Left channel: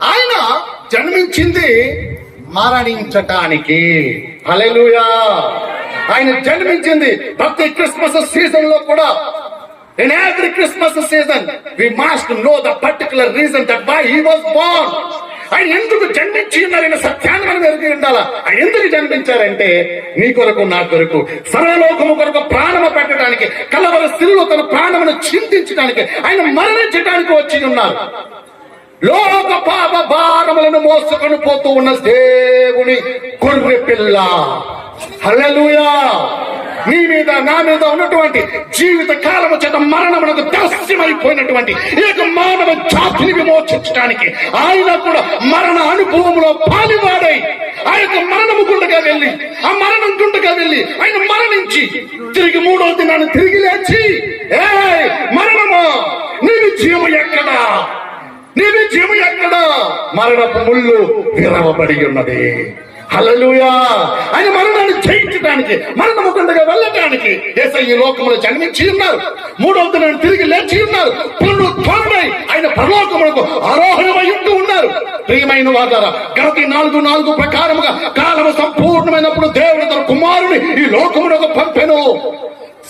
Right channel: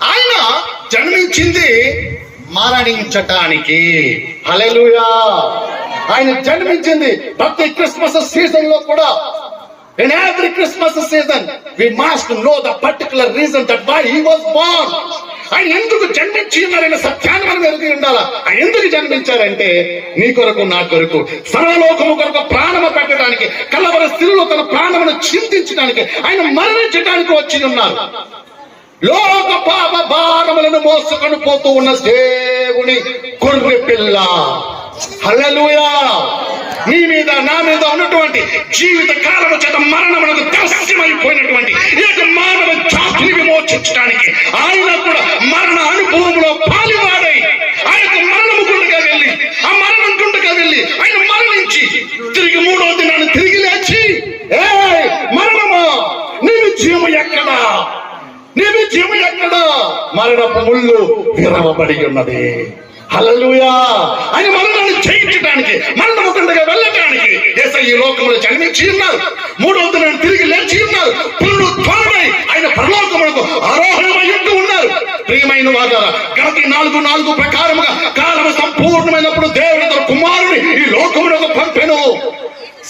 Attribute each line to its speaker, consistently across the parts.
Speaker 1: ఆయన జన్మించింది మరణించటానికి. హలెలుయా ఆయన జన్మించింది ప్రతి క్రిస్మస్ సీజన్లో కూడా. In every Christmas season, we must know the particular reason that why he was born. ఆయన ఎందుకు జన్మించి ఉన్నారనే సత్యాన్ని మనం ఎరిగి ఉండాలా? ఆయన ఎందుకు జన్మించారంటే నీ కొరకు నా కొరకు సర్వలోకము కొరకు ప్రాణము పెట్టడానికి కలవర స్త్రీలు తన ప్రాణమును చింతించడానికి ఆయన మరణించడానికి వచ్చి ఉన్నారు. లోక పాప భారములను మోసుకొని పోతూ ఉన్న దేవుని గొర్రె పిల్ల. హల్లెలూయా. నీ మీద నా మీద ఉన్నటువంటి జీవిత కాలము చేత మరణమునకు దర్శనమైపోయినటువంటి ఏక మానవ జాతిని విమోచించడానికి ఆయన కూడా మరణ అనుభవంలో పాలివాడై ఆయన మరణము గుండగా వెళ్ళి ఆ మరణం గుండగా వెళ్ళి ఆయన మరణించి తిరిగి మూడవ దినాన్ని తిరిగి లేచి ఏ మరణమా నీ విజయము ఎక్కడా నీ విజయం ఎక్కడ మరణపు ముళ్ళు విరవబడి ఉన్నది. హలలుయా ఆయన మరణాన్ని జయించడానికి మరణము కిందగా వెళ్ళటానికి దేశ ఈ లోకంలో జన్మించి ఉన్నారు. మూడవ దినం తిరిగి లేచి ఉన్నారు. పుల్లు ఆయన పరలోకములకు ఆరోహణమై ఉంటూ ఉన్నారు. ప్రియమైన వాదారా గణతి నాలుగు నాలుగు ప్రకారముగా కారణం సంపూర్ణమైనప్పుడు దేవుడు తన కుమారుని ఈ లోకములకు పంపెను.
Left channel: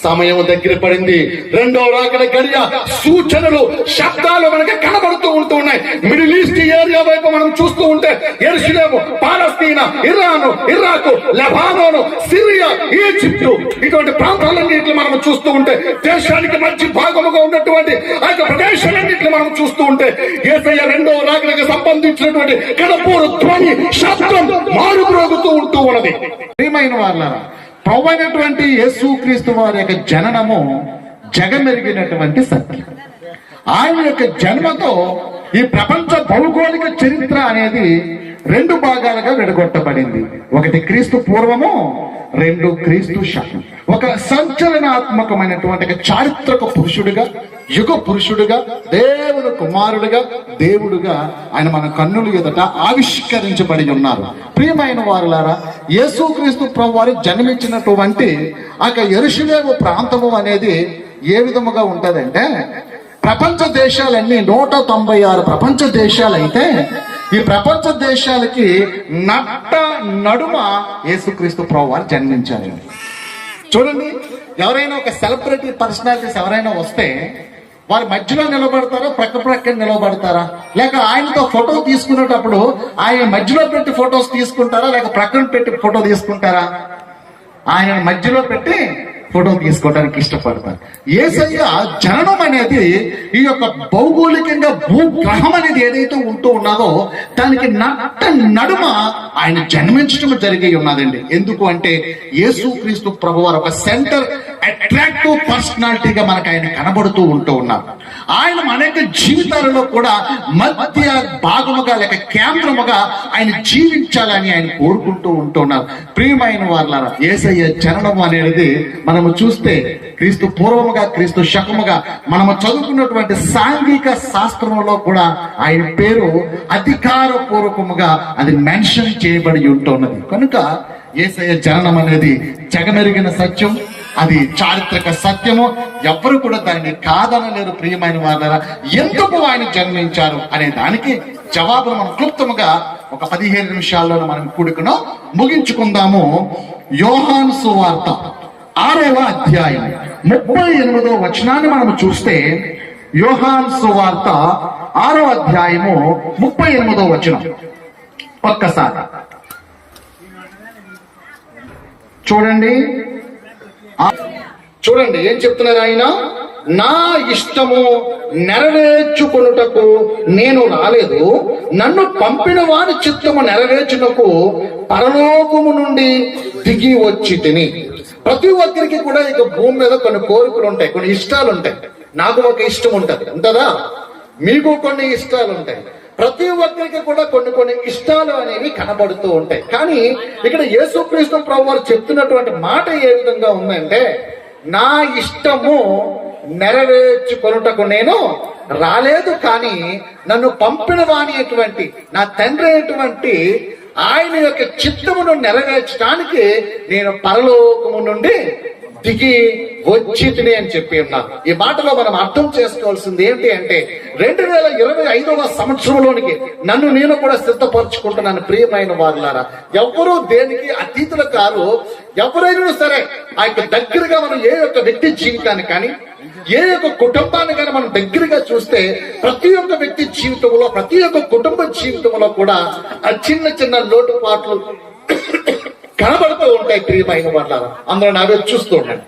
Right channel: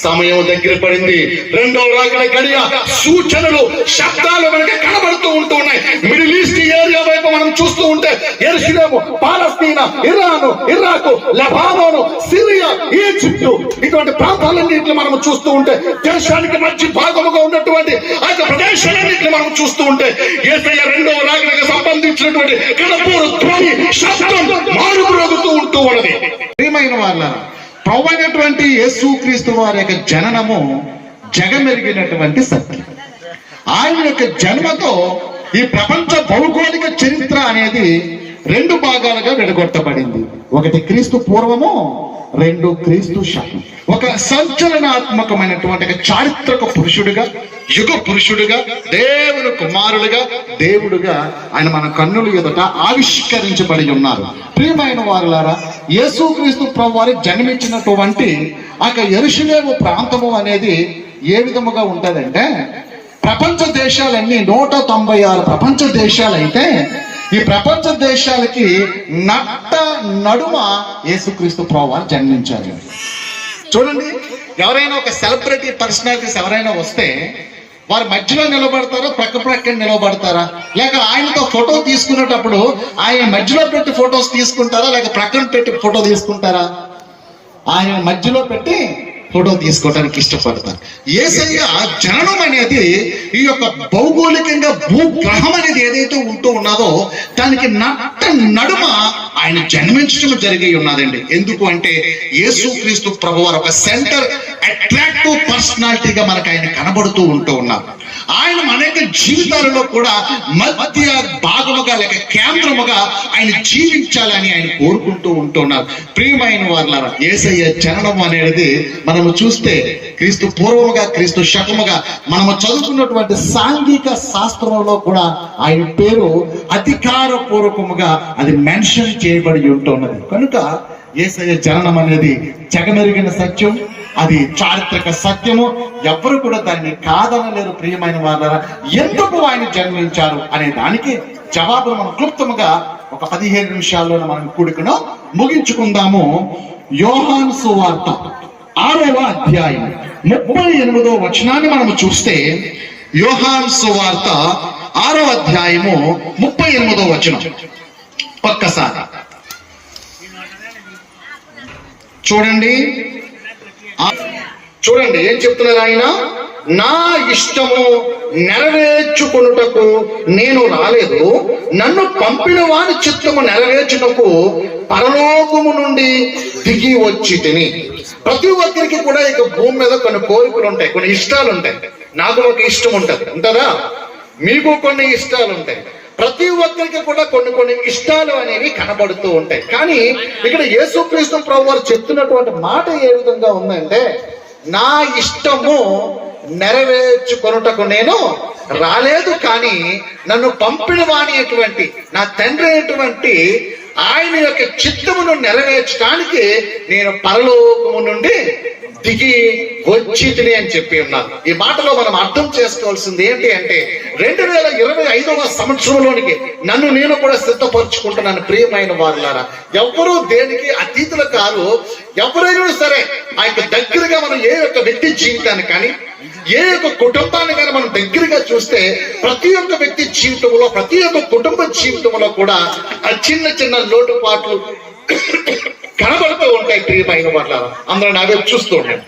Speaker 1: సమయం దగ్గర పడింది. రెండో రాకడ గడియ సూచనలు శబ్దాలు మనకి కనబడుతూ ఉంటూ ఉన్నాయి. Middle Islam Palestine Iran Iraq Lebanon Syria Egypt ఇటువంటి ప్రాంతాలన్నింటిలో మనం చూస్తూ ఉంటే దేశానికి మంచి భాగముగా ఉన్నటువంటి ఆ యొక్క ప్రదేశాలన్నింటిని మనం చూస్తూ ఉంటే ఏసయ్య రెండో రాకడకి సంబంధించినటువంటి కడపూరు ధ్వని శబ్దం మారుమ్రోగుతూ ఉంటూ ఉన్నది.
Speaker 2: ప్రియమైన వాళ్ళ ప్రవైనటువంటి యేసు క్రీస్తు వారి యొక్క జననము జగమెరిగినటువంటి సత్యం. ఆయన యొక్క జన్మతో ఈ ప్రపంచ భౌగోళిక చరిత్ర అనేది రెండు భాగాలుగా విడగొట్టబడింది. ఒకటి క్రీస్తు పూర్వము రెండు క్రీస్తు శకం. ఒక సంచలనాత్మకమైనటువంటి చారిత్రక పురుషుడిగా యుగ పురుషుడిగా దేవుని కుమారుడిగా దేవుడుగా ఆయన మన కన్నుల ఎదుట ఆవిష్కరించబడి ఉన్నారు. ప్రియమైన వారులారా యేసుక్రీస్తు ప్రభువారి జన్మించినటువంటి ఆ యొక్క ఎరుషులేము ప్రాంతము అనేది ఏ విధముగా ఉంటదంటే ప్రపంచ దేశాలన్నీ నూట తొంభై ఆరు ప్రపంచ దేశాలైతే ఈ ప్రపంచ దేశాలకి నట్ట నడుమ యేసుక్రీస్తు ప్రభావాలు జన్మించారు. చూడండి ఎవరైనా ఒక సెలబ్రిటీ పర్సనాలిటీస్ ఎవరైనా వస్తే వారి మధ్యలో నిలబడతారా ప్రక్క ప్రక్కన నిలబడతారా? లేక ఆయనతో ఫోటో తీసుకునేటప్పుడు ఆయన మధ్యలో పెట్టి ఫొటోస్ తీసుకుంటారా లేక ప్రక్కన పెట్టి ఫోటో తీసుకుంటారా? ఆయన మధ్యలో పెట్టి ఫోటో తీసుకోవడానికి ఇష్టపడతారు ఏసయ్య జననం అనేది ఈ యొక్క భౌగోళికంగా భూగ్రహం అనేది ఏదైతే ఉంటూ ఉన్నదో దానికి నట్ట నడుమ ఆయన జన్మించడం జరిగి ఉన్నదండి. ఎందుకు అంటే యేసుక్రీస్తు ప్రభువారు ఒక సెంటర్ అట్రాక్టివ్ పర్సనాలిటీగా మనకు ఆయన కనబడుతూ ఉంటూ ఉన్నారు ఆయన అనేక జీవితాలలో కూడా మధ్య భాగముగా లేక కేంద్రముగా ఆయన జీవించాలని ఆయన కోరుకుంటూ ఉంటున్నారు ప్రియమైన వాళ్ళ ఏసయ్య చరణం అనేది మనము చూస్తే క్రీస్తు పూర్వముగా క్రీస్తు శకముగా మనము చదువుకున్నటువంటి సాంఘిక శాస్త్రంలో కూడా ఆయన పేరు అధికార పూర్వకముగా అది మెన్షన్ చేయబడి ఉంటున్నది కనుక ఏసయ్య చరణం అనేది జగమెరిగిన సత్యం. అది చారిత్రక సత్యము. ఎవ్వరు కూడా దాన్ని కాదనలేరు ప్రియమైన వాళ్ళ ఎందుకు ఆయన జన్మించారు అనే దానికి జవాబును మనం క్లుప్తముగా ఒక పదిహేను నిమిషాల్లో మనం కూడుకును ముగించుకుందాము. యోహాన్ సువార్త ఆరవ అధ్యాయం ముప్పై ఎనిమిదో వచనాన్ని మనం చూస్తే యోహాన్ సువార్త ఆరో అధ్యాయము ముప్పై ఎనిమిదో వచనం. ఒక్కసారి. చూడండి. చూడండి ఏం చెప్తున్నారు ఆయన నా ఇష్టము నెరవేర్చుకొనుటకు నేను రాలేదు. నన్ను పంపిన వారి చిత్తము నెరవేర్చుటకు పరలోకము నుండి దిగి వచ్చి తిని. ప్రతి ఒక్కరికి కూడా ఇక భూమి మీద కొన్ని కోరికలు ఉంటాయి కొన్ని ఇష్టాలు ఉంటాయి. నాకు ఒక ఇష్టం ఉంటుంది ఉంటుందా? మీకు కొన్ని ఇష్టాలు ఉంటాయి. ప్రతి ఒక్కరికి కూడా కొన్ని కొన్ని ఇష్టాలు అనేవి కనబడుతూ ఉంటాయి. కానీ ఇక్కడ యేసుక్రీస్తు ప్రభు వారు చెప్తున్నటువంటి మాట ఏ విధంగా ఉందంటే నా ఇష్టము నెరవేర్చుకొనుటకు నేను రాలేదు కానీ నన్ను పంపిన వాణి అటువంటి నా తండ్రి అయినటువంటి ఆయన యొక్క చిత్తమును నెరవేర్చడానికి నేను పరలోకము నుండి
Speaker 1: దిగి వచ్చితిని అని చెప్పి ఉన్నారు. ఈ మాటలో మనం అర్థం చేసుకోవాల్సింది ఏంటి అంటే రెండు వేల ఇరవై ఐదవ సంవత్సరంలోనికి నన్ను నేను కూడా సిద్ధపరచుకుంటున్నాను ప్రియమైన వారులారా. ఎవరు దేనికి అతీతులు కాదు ఎవరైనా సరే ఆ యొక్క దగ్గరగా మనం ఏ యొక్క వ్యక్తి జీవితాన్ని కానీ ఏ యొక్క కుటుంబాన్ని కానీ మనం దగ్గరగా చూస్తే ప్రతి ఒక్క వ్యక్తి జీవితంలో ప్రతి ఒక్క కుటుంబ జీవితంలో కూడా ఆ చిన్న చిన్న లోటుపాట్లు కనబడుతూ ఉంటాయి ప్రియమైన వాళ్ళ అందరూ నా వైపు చూస్తూ ఉంటాయి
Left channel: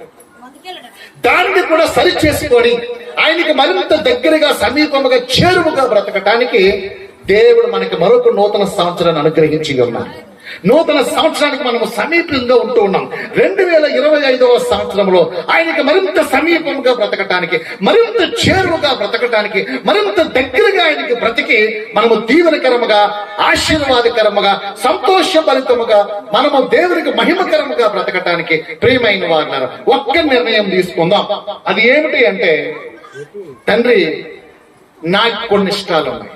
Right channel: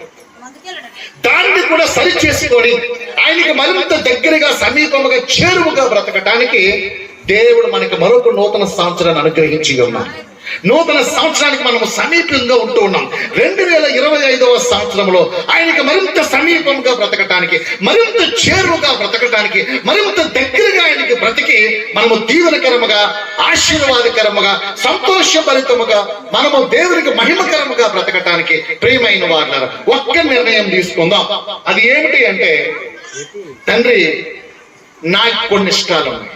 Speaker 1: దాన్ని కూడా సరి చేసుకొని ఆయనకి మరింత దగ్గరగా సమీపముగా చేరువుగా బ్రతకటానికి దేవుడు మనకి మరొక నూతన సంవత్సరాన్ని అనుగ్రహించి ఉన్నాడు. నూతన సంవత్సరానికి మనము సమీపంగా ఉంటూ ఉన్నాం. రెండు వేల ఇరవై ఐదవ సంవత్సరంలో ఆయనకి మరింత సమీపంగా బ్రతకటానికి మరింత చేరువుగా బ్రతకటానికి మరింత దగ్గరగా ఆయనకి బ్రతికి మనము దీవెనకరముగా ఆశీర్వాదకరముగా సంతోషభరితముగా మనము దేవునికి మహిమకరముగా బ్రతకటానికి ప్రియమైన వారు ఒక్క నిర్ణయం తీసుకుందాం. అది ఏమిటి అంటే తండ్రి నాకు కొన్ని ఇష్టాలు ఉన్నాయి.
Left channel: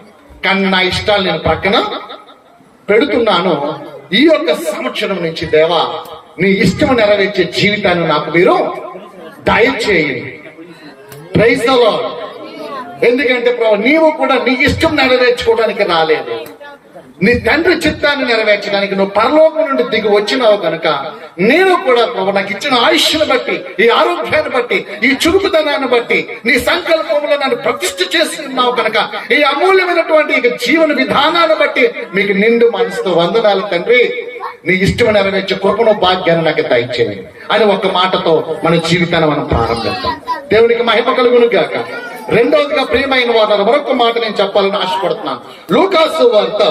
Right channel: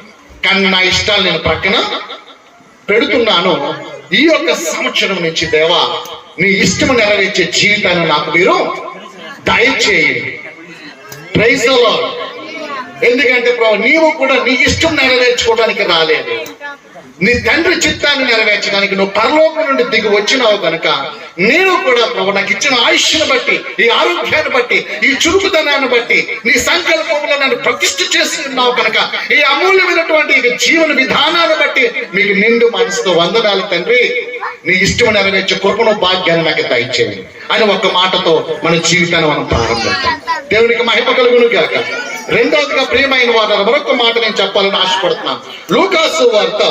Speaker 1: కానీ నా ఇష్టాలు నేను పక్కన పెడుతున్నాను. ఈ యొక్క సంవత్సరం నుంచి దేవా నీ ఇష్టం నెరవేర్చే జీవితాన్ని నాకు మీరు దయచేయండి. ప్రైజ్ ఎందుకంటే ప్రభు నీవు కూడా నీ ఇష్టం నెరవేర్చుకోవడానికి రాలేదు. నీ తండ్రి చిత్తాన్ని నెరవేర్చడానికి నువ్వు పరలోకం నుండి దిగి వచ్చినావు కనుక నేను కూడా ప్రభు నాకు ఇచ్చిన ఆయుష్ను బట్టి ఈ ఆరోగ్యాన్ని బట్టి ఈ చురుకుదనాన్ని బట్టి నీ సంకల్పంలో నన్ను ప్రతిష్ఠ చేస్తున్నావు కనుక ఈ అమూల్యమైనటువంటి జీవన విధానాన్ని బట్టి మీకు నిండు మనసుతో వందనాలు తండ్రి. నీ ఇష్టం నెరవేర్చే కృపను భాగ్యాన్ని నాకు దయచేయండి. అని ఒక మాటతో మన జీవితాన్ని మనం ప్రారంభిద్దాం. దేవునికి మహిమ కలుగును గాక రెండవదిగా ప్రియమైన వారు మరొక మాట నేను చెప్పాలని ఆశపడుతున్నాను. లూకాసు వార్త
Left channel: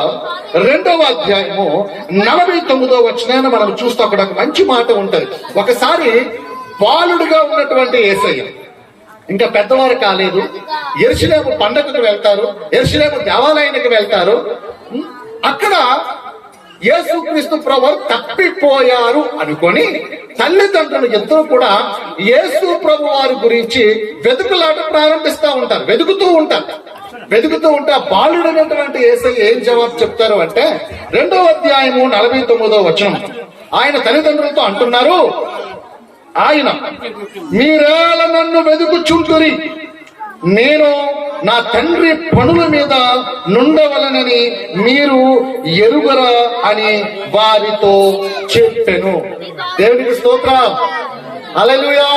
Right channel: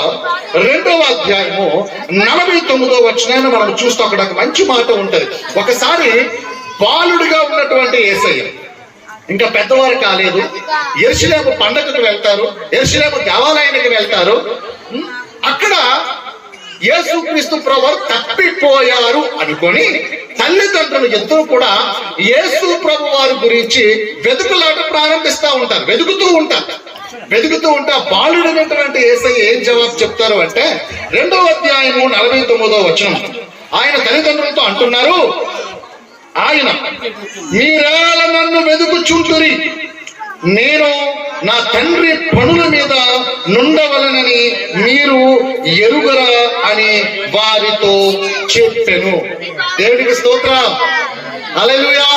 Speaker 1: రెండవ అధ్యాయము నలభై తొమ్మిదో వచ్చినాయని మనం చూస్తే అక్కడ ఒక మంచి మాట ఉంటది. ఒకసారి బాలుడిగా ఉన్నటువంటి ఏసయ్య ఇంకా పెద్దవారు కాలేదు ఎరుసలేము పండగకు వెళ్తారు ఎరుసలేము దేవాలయానికి వెళ్తారు. అక్కడ యేసుక్రీస్తు ప్రభు తప్పిపోయారు అనుకొని తల్లిదండ్రులు ఇద్దరు కూడా యేసు ప్రభు వారి గురించి వెతుకులాట ప్రారంభిస్తా ఉంటారు వెతుకుతూ ఉంటారు. వెతుకుతూ ఉంటే ఆ బాలుడైనటువంటి ఏసై ఏం జవాబు చెప్తారు అంటే రెండో అధ్యాయము నలభై తొమ్మిదో వచనం. ఆయన తల్లిదండ్రులతో అంటున్నారు ఆయన మీరేళ నన్ను వెతుకుచుంటురి నేను నా తండ్రి పనుల మీద నుండవలనని మీరు ఎరుగరా అని వారితో చెప్పెను. దేవుడికి స్తోత్రం. అలలుయా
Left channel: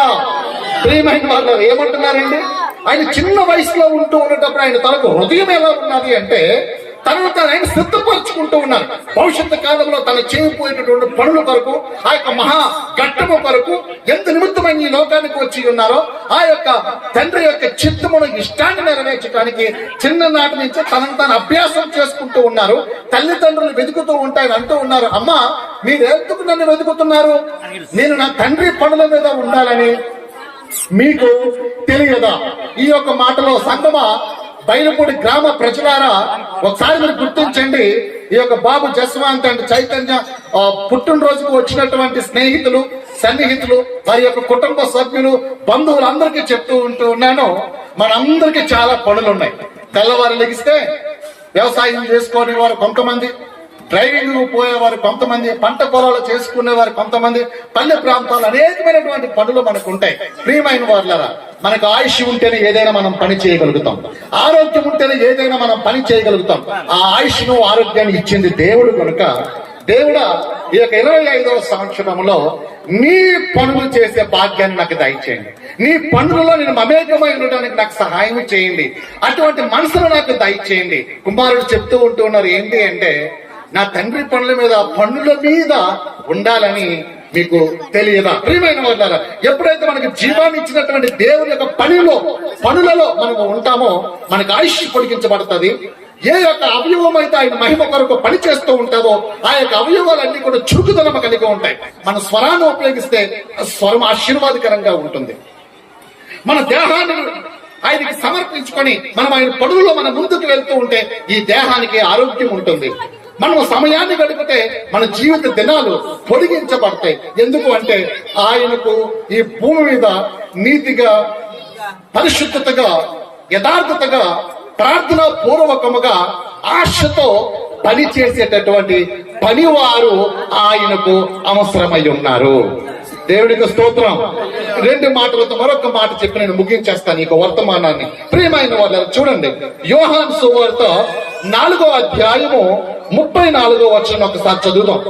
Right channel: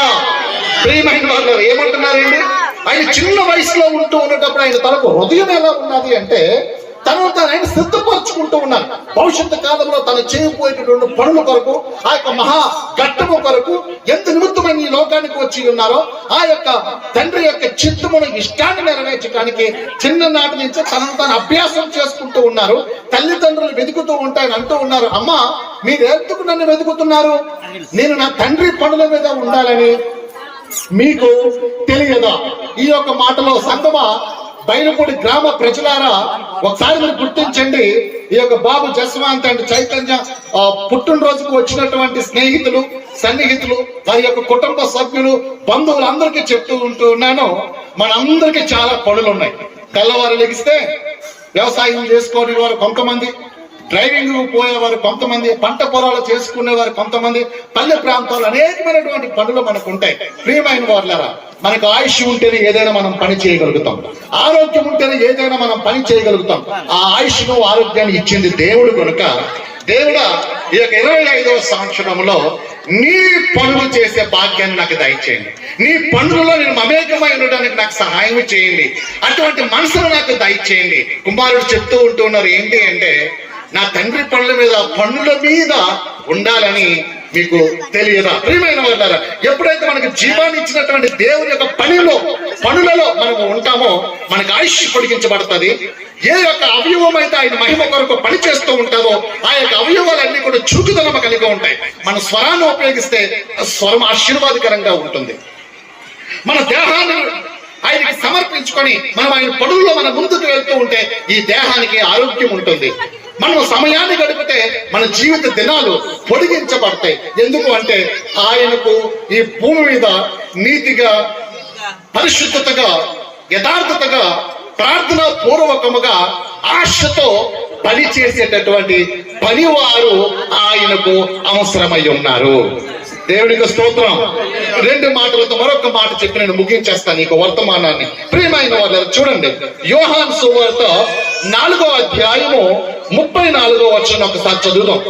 Speaker 1: ప్రియమైన వాళ్ళు ఏమంటున్నారండి? ఆయన చిన్న వయసులో ఉంటూ ఉన్నప్పుడు ఆయన తనకు హృదయం ఎలా ఉన్నది అంటే తనను తన ఆయన సిద్ధపరచుకుంటూ ఉన్నారు భవిష్యత్తు కాలంలో తను చేయబోయేటటువంటి పనుల కొరకు ఆ యొక్క మహా ఘట్టము కొరకు ఎంత నిమిత్తమైన ఈ లోకానికి వచ్చి ఉన్నారో ఆ యొక్క తండ్రి యొక్క చిత్తమును ఇష్టాన్ని నెరవేర్చడానికి చిన్ననాటి నుంచి తనను తాను అభ్యాసం చేసుకుంటూ ఉన్నారు. తల్లిదండ్రులు వెతుకుతూ ఉంటాయని అంటూ ఉన్నారు. అమ్మా మీరు ఎందుకు నన్ను వెతుకుతున్నారు? నేను నా తండ్రి పనుల మీద ఉండాలని మీకు తెలియదా? ఈ యొక్క మాటలో సంగమ బైనపూడి గ్రామ ప్రజలారా ఒకసారి మీరు గుర్తించండి ఈ యొక్క బాబు జస్వాంత్ అండ్ చైతన్య పుట్టినరోజుకు వచ్చినటువంటి స్నేహితులు సన్నిహితులు వారి యొక్క కుటుంబ సభ్యులు బంధువులు అందరికీ చెప్తూ ఉంటూ ఉన్నాను. మనందరికీ చాలా పనులు ఉన్నాయి తెల్లవారు లెగిస్తే వ్యవసాయం చేసుకునే వారు కొంతమంది డ్రైవింగ్ పోయేవారు కొంతమంది పంట పొలాలు చేసుకునేవారు కొంతమంది పల్లె ప్రాంతాలు అనేకమైనటువంటి పనులు మనకు ఉంటాయి ప్రియమైన వాళ్ళరా మనకు ఆయుష్ ఉంటేనే ఏదైనా మనం పని చేయగలుగుతాం. ఆరోగ్యం ఉంటేనే ఏదైనా మనం పని చేయగలుగుతాం. ఆ ఆయుష్ను ఆరోగ్యాన్ని ఇచ్చింది దేవుడు కనుక దేవుడా ఈ యొక్క ఇరవై ఐదవ సంవత్సరంలో నీ పనులు చేసే భాగ్యాన్ని నాకు దయచేయండి. నీ పనులలో నేను మమేకమై ఉండడానికి నాకు సహాయం చేయండి. అటువంటి మనసును నాకు దయచేయండి. కుమారుడు చెప్తూ ఉంటూ ఉన్నారు ఏంటి అంటే నా తండ్రి పనుల మీద పనుల మీద ఉండాలని మీకు తెలియదా? ప్రియమైన వాళ్ళారా ఎప్పుడైతే మనకి జీవాన్ని ఇచ్చినటువంటి దేవుని యొక్క పనిలో పనులలో మనము ఉంటామో మనకు ఆయుష్ పొడిగించబడుతుంది. ఏ యొక్క అవయవం అయితే ఆయన మహిమ కొరకు పని చేస్తూ ఉంటారో ఆ యొక్క అవయవాలన్నీ కూడా చురుకుదనమ కలిగి ఉంటాయి. మన స్వరాన్ని ఉపయోగిస్తే స్వరం ఆశీర్వాదకరంగా ఉంటుంది. మన దేహాన్ని ఆయనకి సమర్పించుకొని మనం ఆయన పనుల్లో మన ముందుకు వెళ్తూ ఉంటే ఈ దేహానికి ఆరోగ్యం ఉంటుంది. మనం సమయాన్ని గడిపితే మన జీవిత దినాలు పొడిగించబడతాయి. ఎందుకు అంటే ఆయనకు ఈ భూమి మీద నీతిగా పరిశుద్ధతగా యథార్థతగా ప్రార్థన పూర్వకముగా ఆశతో పని చేసేటటువంటి పనివారు ఆయనకు అవసరమై ఉన్నారు. దేవుడికి స్తోత్రం. రెండు మాటలతో మరొక మాట చెప్పి నేను ముగించేస్తాను ఈ వర్తమానాన్ని. ప్రియమైన వాళ్ళు చూడండి. యోహాన్ సువార్త నాలుగో అధ్యాయము ముప్పై నాలుగో వచ్చిన ఒకసారి చదువుదాం.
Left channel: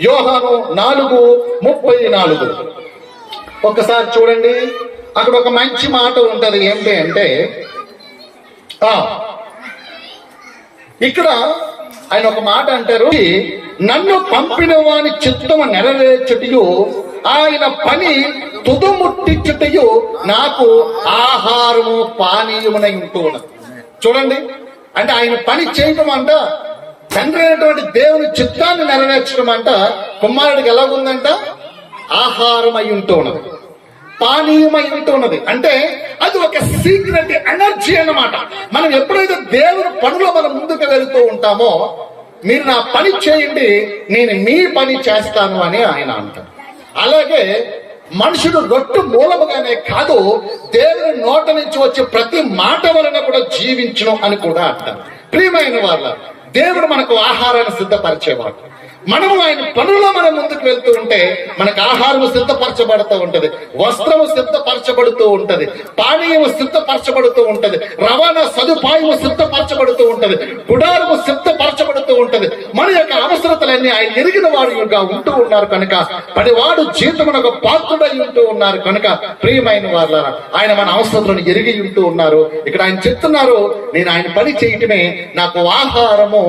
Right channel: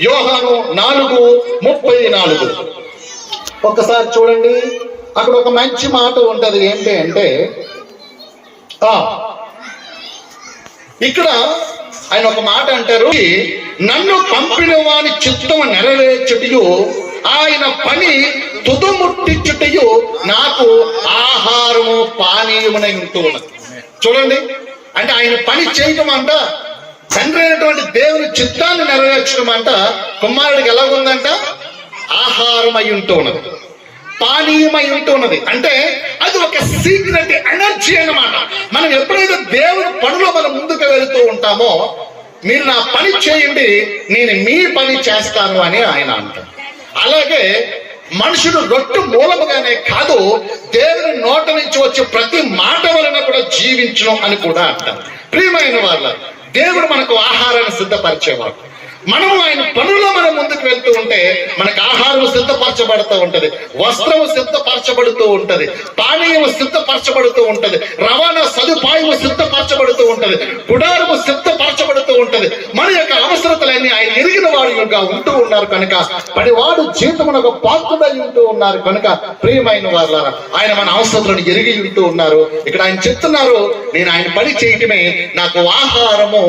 Speaker 1: యోహాను నాలుగు ముప్పై నాలుగు. ఒకసారి చూడండి. అక్కడ ఒక మంచి మాట ఉంటది. ఏంటి అంటే ఇక్కడ ఆయన ఒక మాట అంటారు నన్ను పంపిన వాని చిత్తము నెరవేర్చుటయు ఆయన పని తుదుముట్టించుటయు నాకు ఆహారము పానీయమునై ఉంటూ ఉన్నది చూడండి అంటే ఆయన పని చేయటం అంట తండ్రి అయినటువంటి దేవుని చిత్తాన్ని నెరవేర్చడం అంట కుమారుడికి ఎలాగుందంట? ఆహారం అయి ఉంటూ ఉన్నది పానీయమై ఉంటున్నది. అంటే అది ఒక సీక్రెట్ ఎనర్జీ అనమాట మనం ఎప్పుడైతే దేవుని పనిలో మనం ముందుకు వెళుతూ ఉంటామో మీరు నా పని చేయండి నేను మీ పని చేస్తాను అని ఆయన అంటారు అలాగే మనుషుడు రొట్టు మూలముగానే కాదు దేవుని నోట నుంచి వచ్చే ప్రతి మాట వలన కూడా జీవించడం అని కూడా అంటారు. ప్రియమైన వాళ్ళ దేవుడు మనకు ఆహారాన్ని సిద్ధపరిచేవాడు. మనము ఆయన పనుల్లో మనం ముందుకు వెళ్తూ ఉంటే మనకు ఆహారం సిద్ధపరచబడుతూ ఉంటది వస్త్రము సిద్ధపరచబడుతూ ఉంటది పానీయము సిద్ధపరచబడుతూ ఉంటది రవాణా సదుపాయము సిద్ధపరచబడుతూ ఉంటది గుడారము సిద్ధపరచబడుతూ ఉంటది. మన యొక్క అవసరతలన్నీ ఆయన ఎరిగిన వాడుగా ఉంటూ ఉన్నారు కనుక పడివాడు జీవితమునకు పాత్రుడై ఉంటూ ఉన్నారు కనుక ప్రియమైన వాళ్ళ ఆయన మన అవసరతలను ఎరిగి ఉంటూ ఉన్నారు. ఇక్కడ ఆయన చెప్తున్నారు నేను ఆయన పని చేయటమే నాకు ఆహారము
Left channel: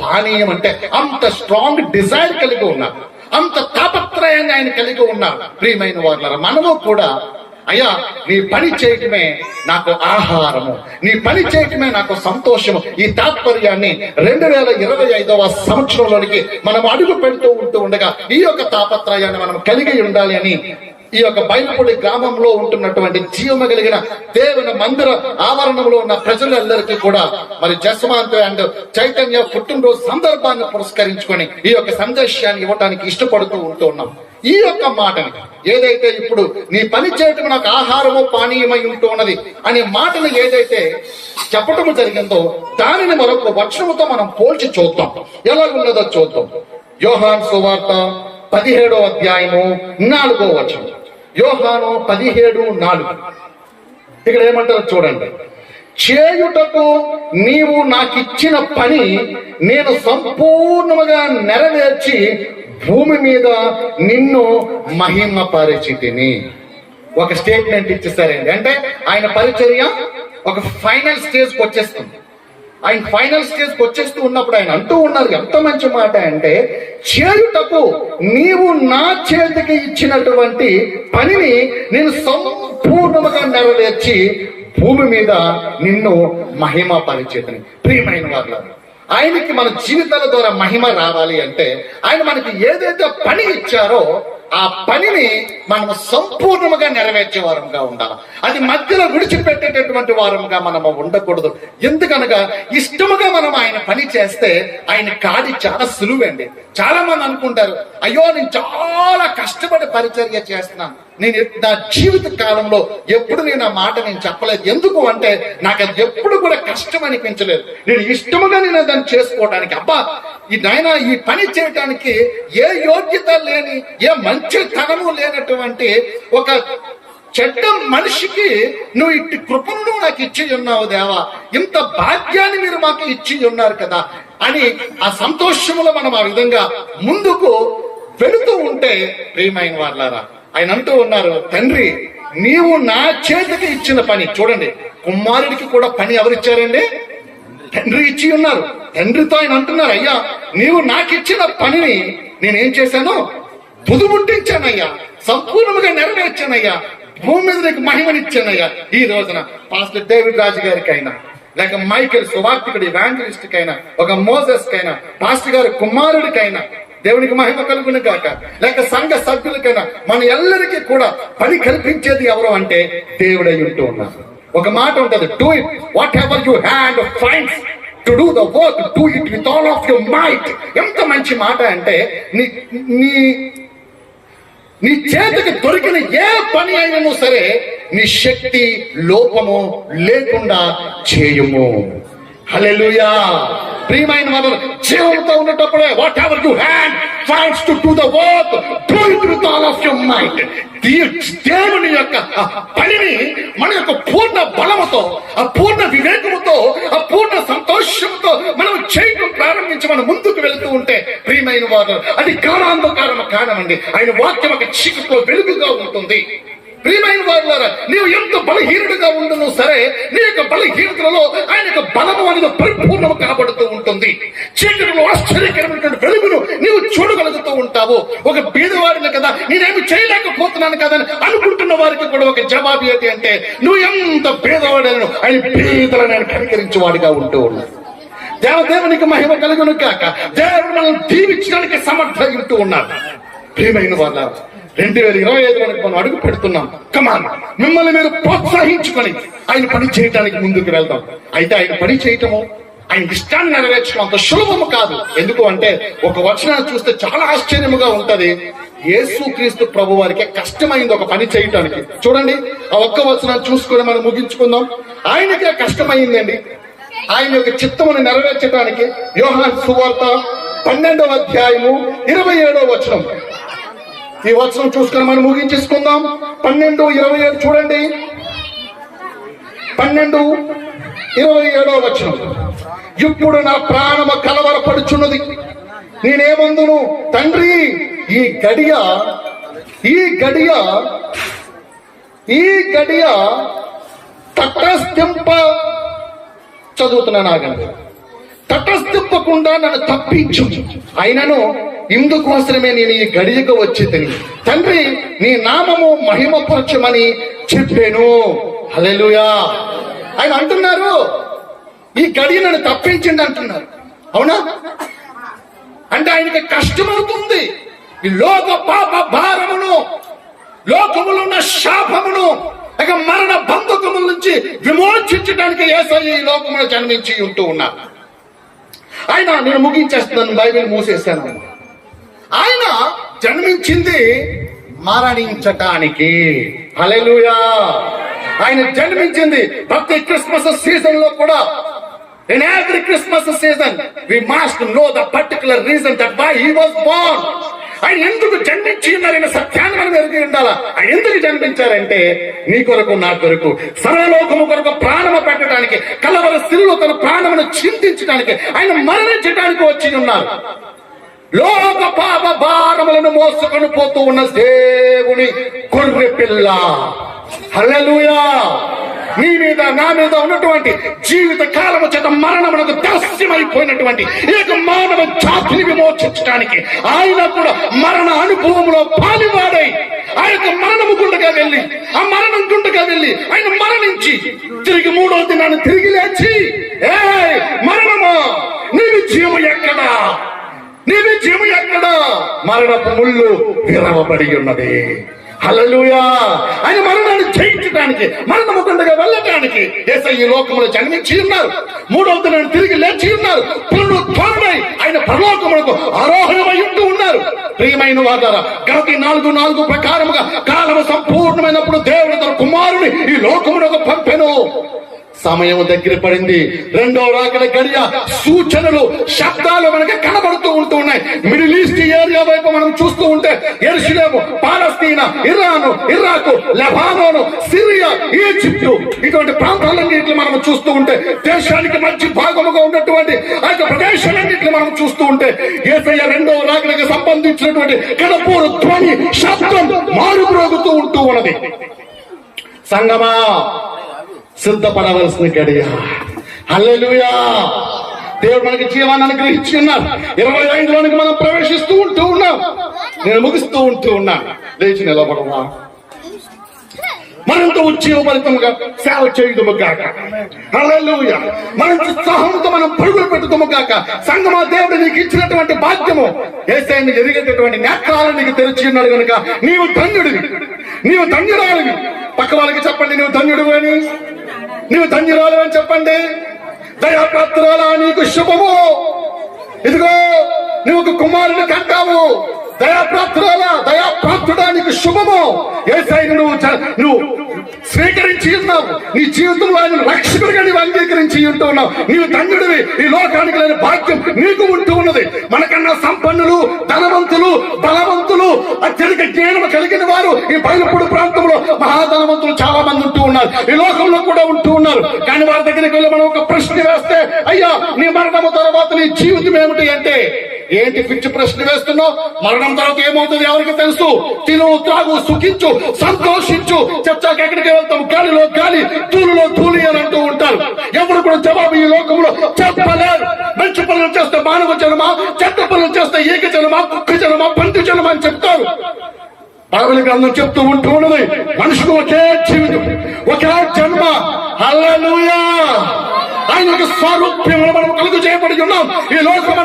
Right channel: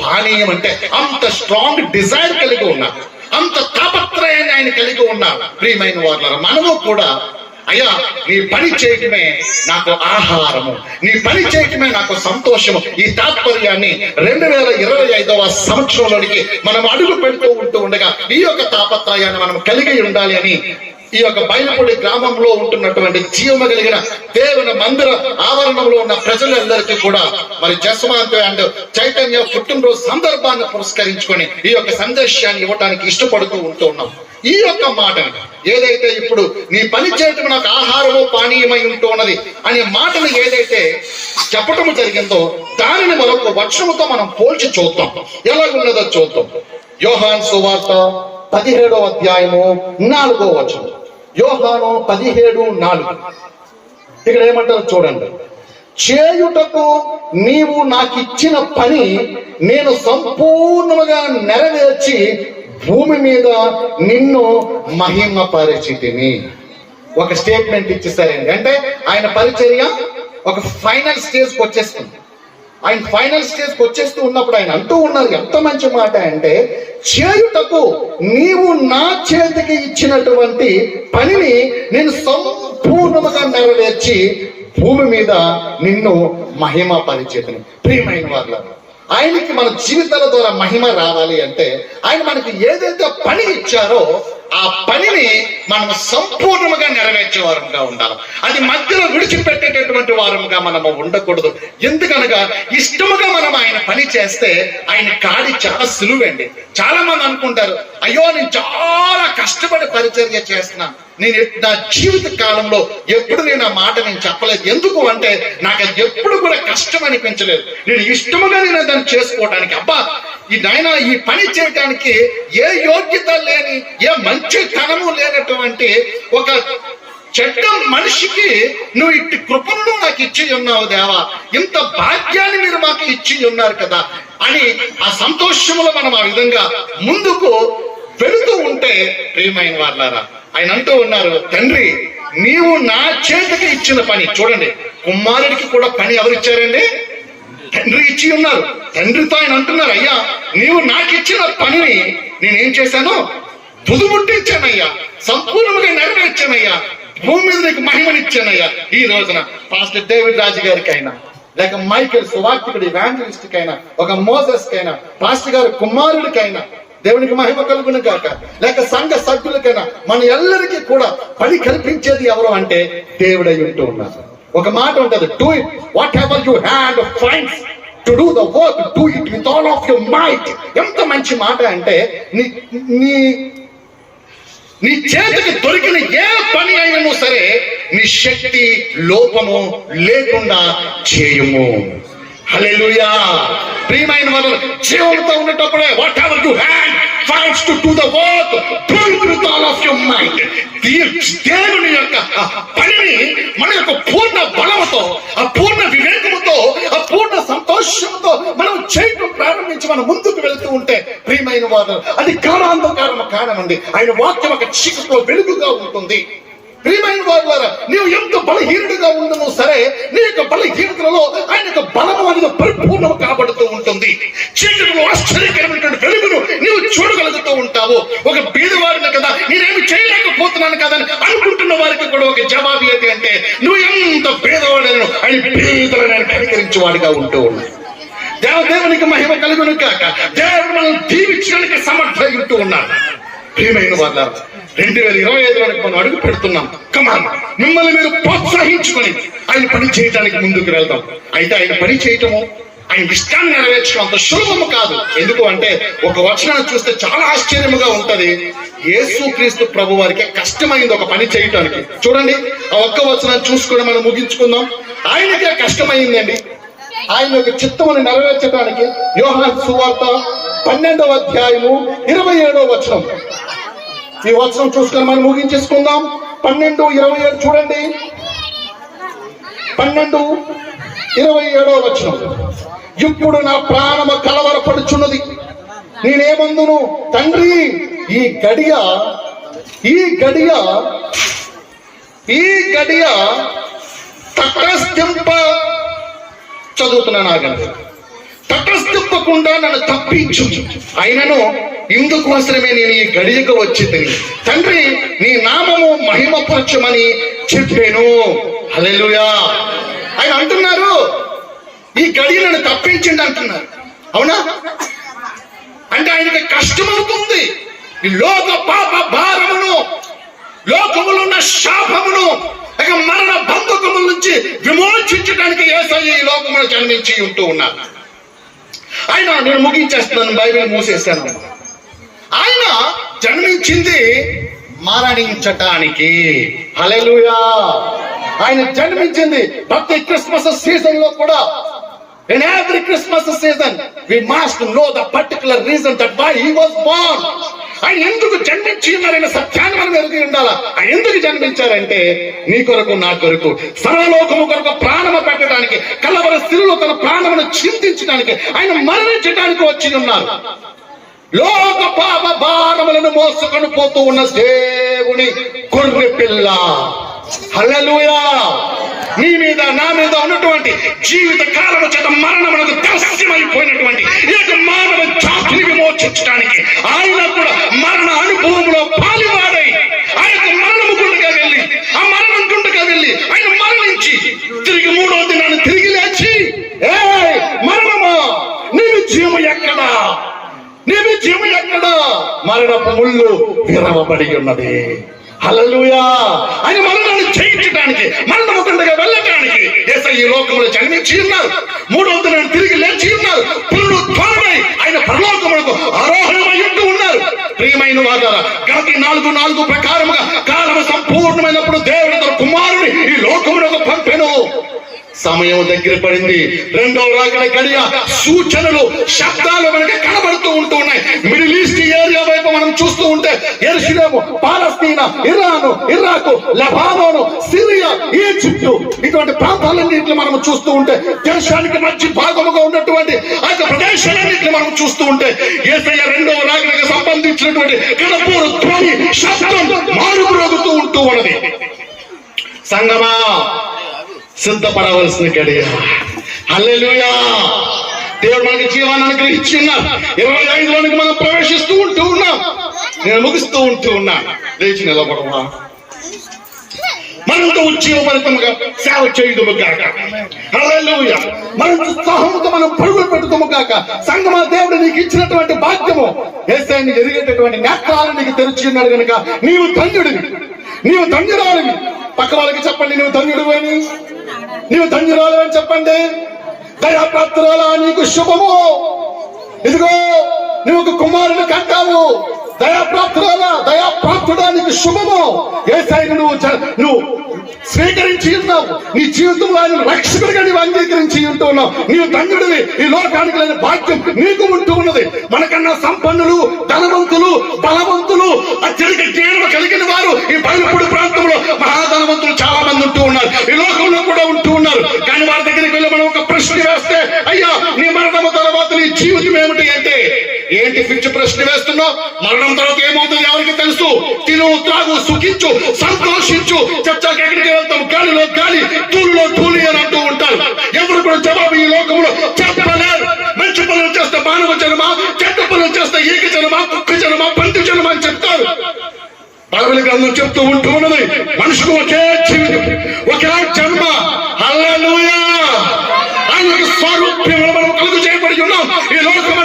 Speaker 1: పానీయం అంటే అంత స్ట్రాంగ్ డిజైర్ కలిగి ఉన్నా అంత తాపత్రయాన్ని ఆయన కలిగి ఉన్నా ప్రియమైన వాళ్ళ మనము కూడా అయ్యా నీ పని చేయటమే నాకు ఆహారము నీ పని చేయటమే నాకు సంతోషము. ఈ తాత్పర్యాన్ని రెండు వేల ఇరవై ఐదవ సంవత్సరంలోనికి మనం అడుగు పెడుతూ ఉంటూ ఉండగా ఈ యొక్క తాపత్రయాన్ని మనం కలిగి ఉండాలి అని ఈ యొక్క బయలుపూడి గ్రామంలో ఉంటున్నటువంటి జీవము కలిగిన దేవుని మందిర ఆవరణంలో ఉన్న ప్రజలందరికీ కూడా మరి జస్మాంత్ అండ్ చైతన్య పుట్టినరోజు సందర్భాన్ని పురస్కరించుకొని ఈ యొక్క సందేశాన్ని ఇవ్వటానికి ఇష్టపడుతూ ఉంటూ ఉన్నాం. ఈ యొక్క మాట ఏదైతే ఇప్పుడు నీ పని చేయటం నాకు ఆహారము పానీయమై ఉంటూ ఉన్నది అనే మాటను ఏదైతే చెప్పటము జరిగిందో దానిని మరొక వర్షముతో మనం పోల్చి చూద్దాం. ఎలాగున్నదో చూద్దాం. యోహాన్ సువార్త పదిహేడో అధ్యాయము నాలుగో వచనం. యోహాను పదిహేడు నాలుగు. ఇక్కడ ఏమంటారు చూడండి. చేయుటకు నీవు నాకు ఇచ్చిన పని నేను సంపూర్ణముగా నెరవేర్చి భూమి మీద నిన్ను మహిమ పరిచితిని ఒక స్టేట్మెంట్ ఇచ్చేసారండి. అంటే ఆయన పరిచర్య ఒక ఫైనల్ స్టేజ్కి వచ్చేస్తుంది ఆయన ఫైనల్ స్టేజ్కి వచ్చేస్తూ ఉన్నప్పుడు ఆయన అంటూ ఉన్నారు ఎంత మంచి మాట అంటే చేయుటకు నీవు నా చేతికి ఇచ్చినటువంటి పనిని నేను సంపూర్ణముగా నెరవేర్చి భూమి మీద నిన్ను మహిమ పరిచేతని ప్రియమైన వాళ్ళ ఆయనకి మన జీవితాల ద్వారా మహిమ రావాలి అంటే ఆయన మనకి ఏదైతే పని ఇచ్చారో ఆ పనిని మనం సంపూర్ణముగా నెరవేర్చే వారంగా ఉండాలి. అది మధ్యలో విడిచిపెట్టేటటువంటి వారముగా మనము ఉండకూడదు. ఎందుకనగా ఇష్టముగా మనం ఆయన పని చేస్తే ఆయన కాడి చాలా సులువండి. చాలా మంది అనుకుంటారు అయ్యో నేను చాలా కష్టపడి పరిచర్య చేస్తున్నాను. నేను నా జీవిత కాలంలో ఎప్పుడు నేను ఆ మాట నేను చెప్పలేదు. ఎందుకు అంటే నాకు అది ఎప్పుడు కూడా కష్టం అనిపించలేదు. నేను ఇష్టముగా నేను దాన్ని చేసుకోవడానికి అబ్బా ఈ నాయన ఈ పని చేయటానికి ఏ యోగ్యత లేని ఏ మంచితనము లేనటువంటి ఒక చెడ్డ మనిషికి నువ్వు ఇట్టి కృపను నాకు ఇచ్చి ఉన్నావు దేవా. ఇంత భాగ్యాన్ని మీరు మాకు ఇచ్చి ఉన్నారు కదా అని ఆ సంతోషములో మనం ఆ విధంగా ముందుకు వెళుతూ ఉంటే ప్రియమైన వాళ్ళారా ఆయన అంటూ ఉన్నారు తండ్రి నీవు నా చేతికి ఇచ్చిన పని చూడండి కుమారుడికి కూడా పని ఎవరిచ్చారండి తండ్రి ఇచ్చి ఉన్నారు. తండ్రితో ఆయన అంటున్నారు అయ్యా నీవు నాకు ఇచ్చిన పనిని నేనేం చేశాను? తుదుముట్టించానయ్యా సంపూర్ణంగా నెరవేర్చానయ్యా భూమి మీద నీకు మహిమనిచ్చానయ్యా. ఈ రోజున పాస్టర్ డేవిడ్ రాజు గారికి అయినా లేక మైకేల్ సువార్తికుడి ఇవాంజలిస్ట్ కైనా ఒక మోసస్ కైనా పాస్టర్ గారి కుమారుడికైనా దేవునికి మహిమ కలుగును కాక లేక సంఘ సభ్యులకైనా మన ఎల్లరికీ కూడా పని కల్పించేది ఎవరు అంటే దేవుడై ఉంటూ ఉన్నారు. ఒక మాట ఉంటది do it whatever you hand finds to do the work do it with all of your might ఎంత మంచి మాట అంటే నీ నీ నీ చేతికి దొరికిన ఏ పని అయినను సరే నీ శక్తి లోపము లేకుండా చేయము. హల్లెలూయా. ప్రియమైన వాళ్ళు జీవంతో ఉన్నటప్పుడే whatever you hand fights to do the work do it with all of your mind దేవుని యొక్క పనిని మన యొక్క పూర్ణ బలముతో ఆ పూర్ణ వివేకముతో ఆ పూర్ణ సంతోషంతో మనం చేయటం ప్రారంభించి మనం ముందుకు వెళ్తూ ఉంటే ప్రియమైన వారు అది కాలాంధకారము కారణమండి ఆయన వాక్యం ఒక చీకతో వెలుగుగా ఉంటుంది. ప్రియమైన వారులారా నీవు ఎంత బలహీనుడిగా ఉండను సరే నీ యొక్క బలహీనతలలో ఆయన యొక్క బలము అనేది పరిపూర్ణము కాబడుతూ ఉంటుంది. చీకటిలో ఆశ్చర్యకరమైనటువంటి వెలుగును నీవు చూడగలుగుతూ ఉంటావు. ఒక బీదవాడిని కదా నేనేమి చేయలేకపోతున్నాను కదా అని అనుకుంటున్న వారికి కూడా ఒక జవాబు ఏంటి అంటే నువ్వు ఎంత బీదవాడను ఆయన బీదలను ఆయన కనికరించేవాడిగా ఉంటూ ఉన్నావు దేవదేవునికి మహిమ కలుగును కాక దేవుడు మనం దీవించడానికి సమర్థ ఉంటూ ఉన్నాడు. ప్రియమైన వాళ్ళ రెండు వేల ఇరవై ఐదులోకి మనం అడుగు పెడుతున్నాం. కమాన్ మిమ్మల్ని మీరు ప్రోత్సహించుకొని ఆయన పని చేయడానికి ముందుకు వెళ్దాం. అయితే ఆయన పని చేయటము ఆయన ఇష్టాన్ని నెరవేర్చడం అంత సులభము కాదు. ఎందుకు అంటే ఒక వచనాన్ని చూస్తే చాలా ఆశ్చర్యముగా ఉంటది. యేసుక్రీస్తు ప్రభు వారికి కష్టమైంది ఒక పని చేయటానికి. చూడండి ఆ ఒక్క వచనాన్ని చూసుకొని మనం ముగించుకుందాం. ఆయనకే కష్టమైందండి. ఆయన యొక్క చిత్తమును నెరవేర్చడానికి యోహాన్ సువార్త పన్నెండవ అధ్యాయము ఇరవై ఏడవ వచనం. ఈ వచనం చూసుకొని మనం ముగించేసుకుందాం. పన్నెండు ఇరవై ఏడు చూడండి. పన్నెండు ఇరవై ఏడవ వచనం. ఇప్పుడు నా ప్రాణము కలవరపడుచున్నది. నేనేమందును? తండ్రి ఈ గడియ ఈ గడియ ఈ గడియ తటస్థింప చదువుతున్నాను ఆగండి. తటస్థింపకుండా నన్ను తప్పించు. అయినను ఇందుకోసమే నేను ఈ గడియకు వచ్చి తిని తండ్రి నీ నామము మహిమపరచమని చెప్పాను. అలెలుయా ఆయన అంటున్నారు ఈ గడియ నన్ను తప్పించండి అంటున్నారు. అవునా? అంటే ఆయనకి కష్టమవుతుంది. ఈ లోక పాప భారమును లోకములో ఉన్న శాపమును ఇక మరణ బంధకముల నుంచి విమోచించడానికి ఏసై ఈ లోకములో జన్మించి ఉంటూ ఉన్నారు. ఆయన నేను ముగించేస్తున్నాను బైబిల్ మూసేస్తాను. ఆయన జన్మించింది మరణించటానికి. హలెలుయా ఆయన జన్మించింది ప్రతి క్రిస్మస్ సీజన్లో కూడా. In every Christmas season we must know the particular reason that by he was born ఆయన ఎందుకు జన్మించి ఉన్నారనే సత్యాన్ని మనం ఎరిగి ఉండాలా? ఆయన ఎందుకు జన్మించారంటే నీ కొరకు నా కొరకు సర్వలోకము కొరకు ప్రాణము పెట్టడానికి కలవర స్త్రీలు తన ప్రాణమును చింతించడానికి ఆయన మరణించడానికి వచ్చి ఉన్నారు. లోక పాప భారములను మోసుకొని పోతూ ఉన్న దేవుని గొర్రె పిల్ల హల్లెలూయా! నీ మీద నా మీద ఉన్నటువంటి జీవిత కాలము చేత మరణమునకు దస్యమైపోయినటువంటి ఈ యొక్క మానవ జాతిని విమోచించడానికి ఆయన కూడా మరణ అనుభవంలో పాలివాడై ఆ యొక్క మరణము గుండగా వెళ్ళి ఆ మరణం గుండగా వెళ్ళి ఆయన మరణించి తిరిగి మూడో దినాన్ని తిరిగి లేచి ఏ మరణమా? నీ విజయం ఎక్కడా? నీ విజయం ఎక్కడా? మరణపు ముళ్ళు విరవబడి ఉన్నది. హలలుయా ఆయన మరణాన్ని జయించడానికి మరణము గుండగా వెళ్ళటానికి దేశం ఈ లోకంలో జన్మించి ఉన్నారు. మూడవ దినాన్ని తిరిగి లేచి ఉన్నారు. పుల్లు ఆయన పరలోకములకు ఆరోహణమై ఉంటూ ఉన్నారు. ప్రియమైన వాదారా గణతి నాలుగు నాలుగు ప్రకారముగా కాలం సంపూర్ణమైనప్పుడు దేవుడు తన కుమారుని ఈ లోకములకు పంపెను. సమయం దగ్గర పడింది. రెండో రాకడ గడియ సూచనలు శబ్దాలు మనకి కనబడుతూ ఉంటూ ఉన్నాయి. మిడిల్ ఈస్ట్ ఏరియా వైపు మనం చూస్తూ ఉంటే Jerusalem Palestine Iran Iraq Lebanon Syria Egypt ఇటువంటి ప్రాంతాలన్నింటిని మనం చూస్తూ ఉంటే దేశానికి మంచి భాగముగా ఉన్నటువంటి ఆ యొక్క ప్రదేశాలన్నింటిని మనం చూస్తూ ఉంటే ఏసయ్య రెండో రాకడకి సంబంధించినటువంటి కడపూరు ధ్వని శబ్దం మారుమ్రోగుతూ ఉంటూ ఉన్నది. సంగమా సిద్ధపడవలసిన గడియ. హల్లెలూయా. దేవుడు మనకి జీవాన్ని అనుగ్రహించి ఉన్నారు. ఇరవై ఐదులోనికి మనం ప్రవేశిస్తూ ఉంటూ ఉన్నాం. నేను ముగిస్తూ ఉంటూ ఉన్నా లేచి నిలబడమా? మనంతో ఉజ్జీవపరితముగా సేవ చేయదుము కాక హల్లెలూయా. మన ఉత్సాహంతో మనం పరుగులు పెట్టుకోము కాక సంగమా దేవుడు నీకు ఇచ్చినటువంటి భాగ్యము ఏసైని ఎరిగేటటువంటి నేత్రాలు నీకు తెరిచి ఉన్నాడు కనుక నీవు ధన్యుడివి. నీవు ధన్యురాలివి. పక్క వాళ్ళకి చెప్పండి నీవు ధన్యుడు అని? నీవు ధన్యురాలు అని చెప్పండి. దయాప్రాప్తురాలా నీకు శుభము. ఇదిగో నువ్వు కుమారుని కంటావు దయాప్రాప్తుడా దయాప్రాప్తుడానికి శుభము. ఏ సైడ్ నువ్వు నువ్వు స్వీకరించి ఉన్నావు. నీ జీవితంలో ఆయన రక్షకుడిగా నీవు అంగీకరించి ఉంటున్నావు నీవు తండ్రివి ఈ లోకానికి లేని భాగ్యం నీకు ఉంటూ ఉన్నది. మనకన్నా సంపన్నులు ధనవంతులు బలవంతులు అత్యధిక జ్ఞానం కలిగిన వారు ఈ బయలుపూడి ప్రాంతంలో మహాధనవంతులు చాలా మంది ఉంటూ ఉన్నారు. ఈ లోకంలో కూడా ఉంటూ ఉన్నారు. కానీ వారి దగ్గరికి వెళ్ళి మనం ఒక ప్రశ్న వేస్తే అయ్యా నీ మరణము తర్వాత నీ జీవితం ఏమిటి అంటే ఏంటి పిచ్చి ప్రశ్న వేస్తున్నావు? మరణం తర్వాత ఏమవుతుంది ఎవరికి తెలుసు? తిను త్రాగు సుఖించు సంతోషించు చర్చకి ఎక్కడికి వెళ్తాం గాలిలో గాలి తూలులో తూలి అని అంటూ ఉంటారు. ఎవరు కూడా జవాబు ఈ లోకంలో చెప్పలేరు. మంచి పనులు చేస్తే మానవ జన్మ చెడ్డ పనులు చేస్తే ఏక జన్మ కుక్క జన్మ పంటి జన్మ అని చెప్తారు. బైబిల్ గ్రంథం చెప్తూ ఉంటూ ఉన్నది మనుషులు ఒకే జీవితం ఒకే జన్మ. అల్లలుయా ఆయన యొక్క స్వరూప్యంలో మనం కలుగు చేయబడి ఉన్నాం. ఈ లోకం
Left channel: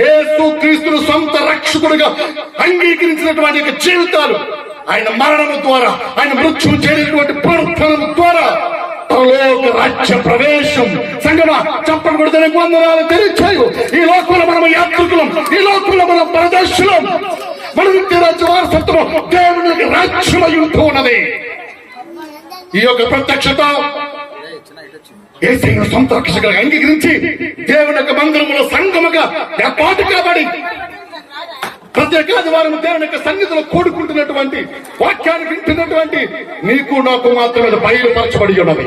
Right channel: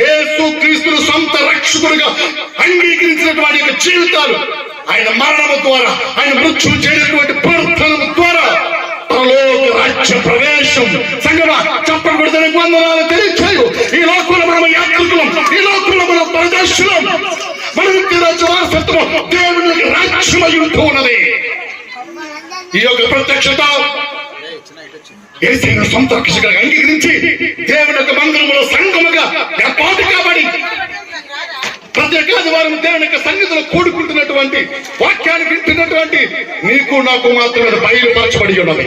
Speaker 1: యేసు క్రీస్తును సొంత రక్షకుడిగా అంగీకరించినటువంటి జీవితాలు ఆయన మరణము ద్వారా ఆయన మృత్యు చేయనటువంటి పునరుద్ధరణ ద్వారా పరలోక రాజ్య ప్రవేశం. సంగమ చెప్పకూడదని వందనాలు తెలియచేయు. ఈ లోకంలో మనం యాత్రికులం ఈ లోకంలో మనం ప్రదర్శనం మన నిత్య రాజ్య వారసత్వం దేవుని రాజ్యమై ఉంటూ ఉన్నది. ఈ యొక్క ప్రత్యక్షత ఏసైన సొంత రక్షకుగా అంగీకరించి దేవుని యొక్క మందిరములో సంగముగా ఏర్పాటు కాబడి ప్రత్యేకాది ఆదివారం దేవుని యొక్క సన్నిధిలో కూడుకుంటున్నటువంటి వాక్యాన్ని వింటున్నటువంటి నీకు నాకు మాత్రమే బయలుపరచబడి ఉన్నది.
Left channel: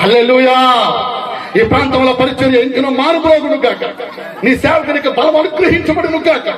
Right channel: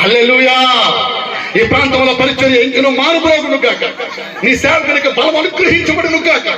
Speaker 1: హల్లెలూయా! ఈ ప్రాంతంలో పరిచర్య ఇంకను మారుబోగును కాక నీ సేవకునికి బలం అనుగ్రహించబడును కాక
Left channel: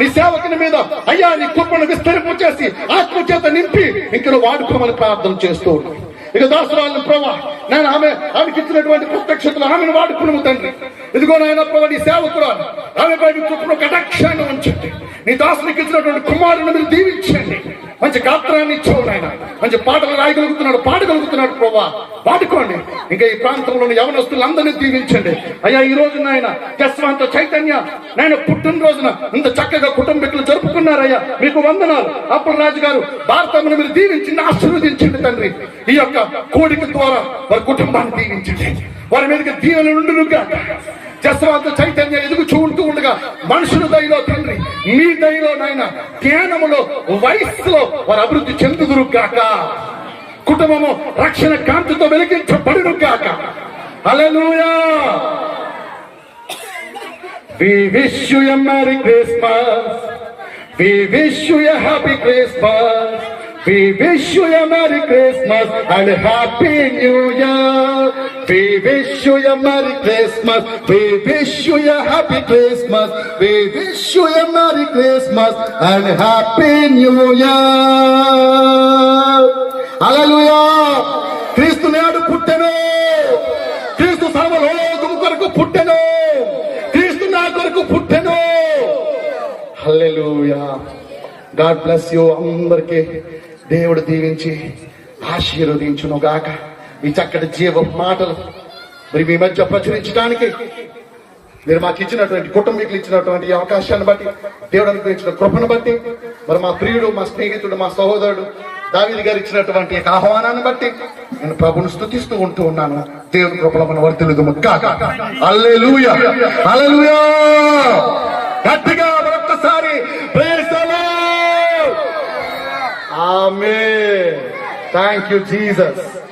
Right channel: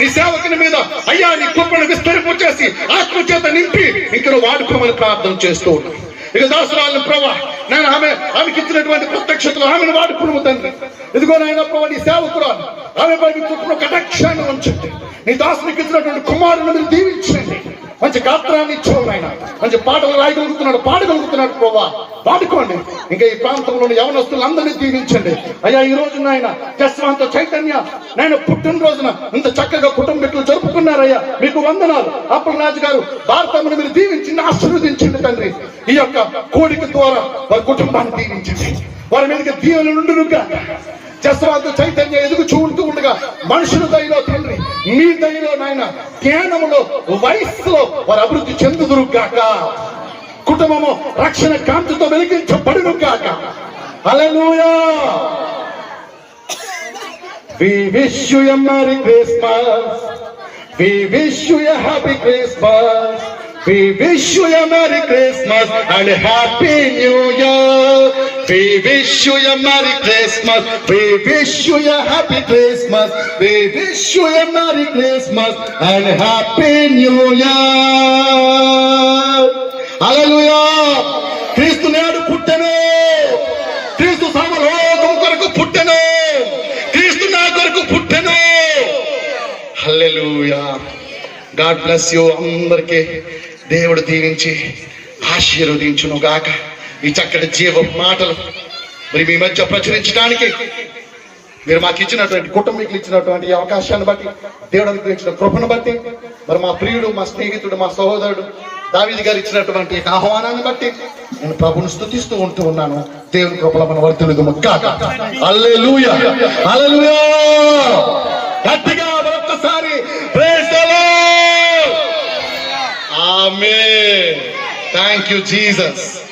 Speaker 1: నీ సేవకుని మీద అయ్యా నీ కుప్పను విస్తరింపు చేసి ఆత్మ చేత నింపి ఇంకను వాడుకోమని ప్రార్థన చేస్తూ ఉన్నాను ఇక దాసురాలను ప్రభా నేను ఆమె ఆమెకి ఇచ్చినటువంటి ప్రత్యక్షతలు ఆమెను వాడుకును తండ్రి. ఇదిగో నాయన ప్రభా నీ సేవకురాలు ఆమె పై నీ కటాక్షాన్ని ఉంచండి. నీ దాసునికి ఇచ్చినటువంటి కుమారుని మీరు దీవించండి. మంచి గాత్రాన్ని ఇచ్చావు నాయన మంచి పాటలు రాయగలుగుతున్నాడు పాడగలుగుతున్నాడు ప్రభా. పాడుకోండి ఇంకా ఈ ప్రాంతంలోని యవనస్తులందరినీ దీవించండి. అయ్యా ఈ రోజు నాయన జస్వాంత చైతన్య నాయన పుట్టినరోజున ఇంత చక్కగా కుటుంబీకులు జరుపుకున్నారయ్యా. మీకు వందనాలు. అప్పుడు రాజు గారు భారతమును మీరు దీవించింది ఆశీర్వదించండి తండ్రి. ఈ యొక్క కోడిక ద్వారా వారి కుటుంబాన్ని దీవించండి. వారి మీదకి దీవెన నుండునుగా జస్వంత చైతన్య ఎదుగు చూడుతూ ఉండగా మనుషుల దయలో తండ్రి మీ దయలో నాయన జ్ఞానములో వయస్సులో వారు అభివృద్ధి చెందుదురు గాక కుటుంబము రక్షణ కాంతితో వెలిగించబడును గాక alleluia We wish you a Merry Christmas. We wish you a Happy Christmas. We wish you a Merry Christmas and a Happy New Year. We wish you a Merry Christmas. We wish you a Happy Christmas. We wish you a Merry Christmas and a Happy New Year. Hallelujah. క్రీస్తు నేడు పుట్టెను క్రీస్తు సర్వలోకం కొరకు పుట్టెను క్రీస్తు నా కొరకు పుట్టెను హల్లెలూయా గాడ్ బ్లెస్ యూ అందరికీ దేవుడు దీవించి ఆశీర్వదించును గాక ఈ చక్కటి జీవ మాటలు మరి మీ మధ్య ప్రచురించడానికి మీరు మాకు ఇచ్చినటువంటి కుటుంబీకులు ఇచ్చినటువంటి అవకాశాన్ని బట్టి దేవుడు అనుగ్రహించిన కృపను బట్టి మరి మా ప్రియుడు మా స్నేహితుడు మా సహోదరుడు దావీది గారు ఇచ్చినటువంటి ఆహ్వానాన్ని బట్టి నేను ప్రభుని స్థుతిస్తూ ఉంటూ ఉన్నాను. దేవుని కృపలో మన వర్తిల్లుదు అల్లెలూయా అల్లెలూయా గట్టిగా Lord. Amen thank you Jesus